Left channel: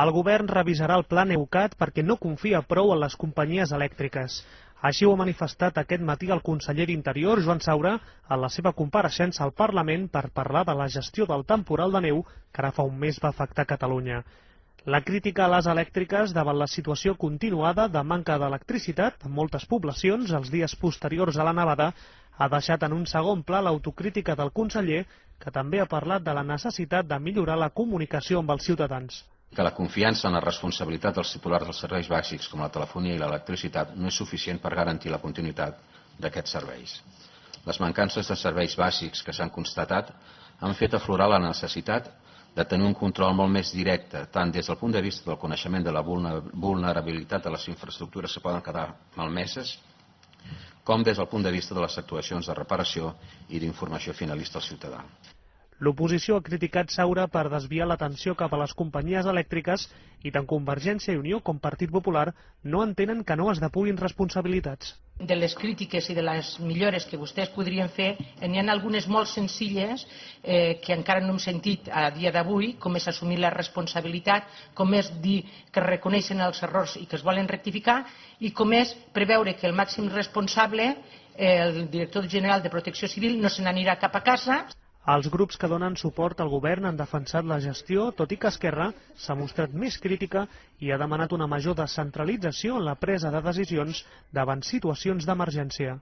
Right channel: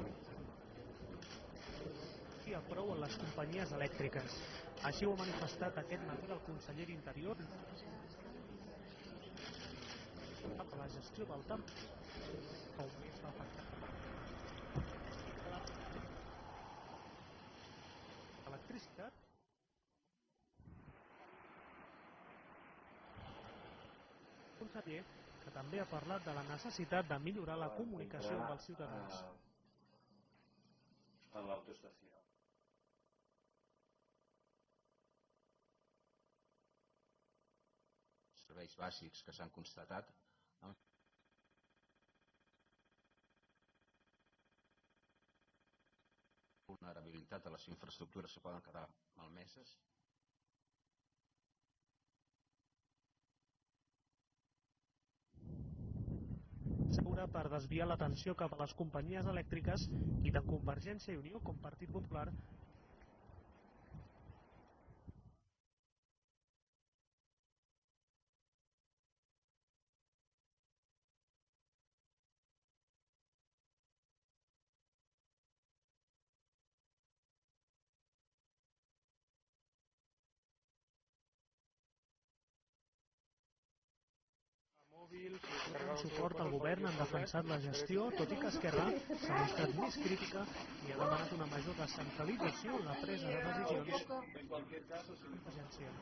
El govern revisarà el pla Neucat perquè no confia prou en les companyies elèctriques. Així ho ha manifestat aquest matí el conseller d'Interior, Joan Saura, en la seva compareixença al Parlament per parlar de la gestió del temporal de neu que ara fa un mes va afectar Catalunya. La crítica a les elèctriques davant la situació continuada de manca d'electricitat en moltes poblacions els dies posteriors a la nevada ha deixat en un segon pla l'autocrítica del conseller, que també ha parlat de la necessitat de millorar la comunicació amb els ciutadans. Que la confiança en la responsabilitat dels titulars dels serveis bàsics com la telefonia i l'electricitat no és suficient per garantir la continuïtat d'aquests serveis. Les mancances de serveis bàsics que s'han constatat han fet aflorar la necessitat de tenir un control molt més directe, tant des del punt de vista del coneixement de la vulnerabilitat de les infraestructures que poden quedar malmeses, com des del punt de vista de les actuacions de reparació i d'informació finalista al ciutadà. L'oposició ha criticat Saura per desviar l'atenció cap a les companyies elèctriques i tant Convergència i Unió com Partit Popular no entenen que no es depurin responsabilitats. De les crítiques i de les millores que vostès podrien fer, n'hi ha algunes molt senzilles que encara no hem sentit a dia d'avui, com és assumir la responsabilitat, com és dir que reconeixen els errors i que es volen rectificar, i com és preveure que el màxim responsable, el director general de Protecció Civil, no se n'anirà cap a casa. Els grups que donen suport al govern han defensat la gestió, tot i que Esquerra s'ha mostrat més crítica i ha demanat una major descentralització en la presa de decisions davant situacions d'emergència.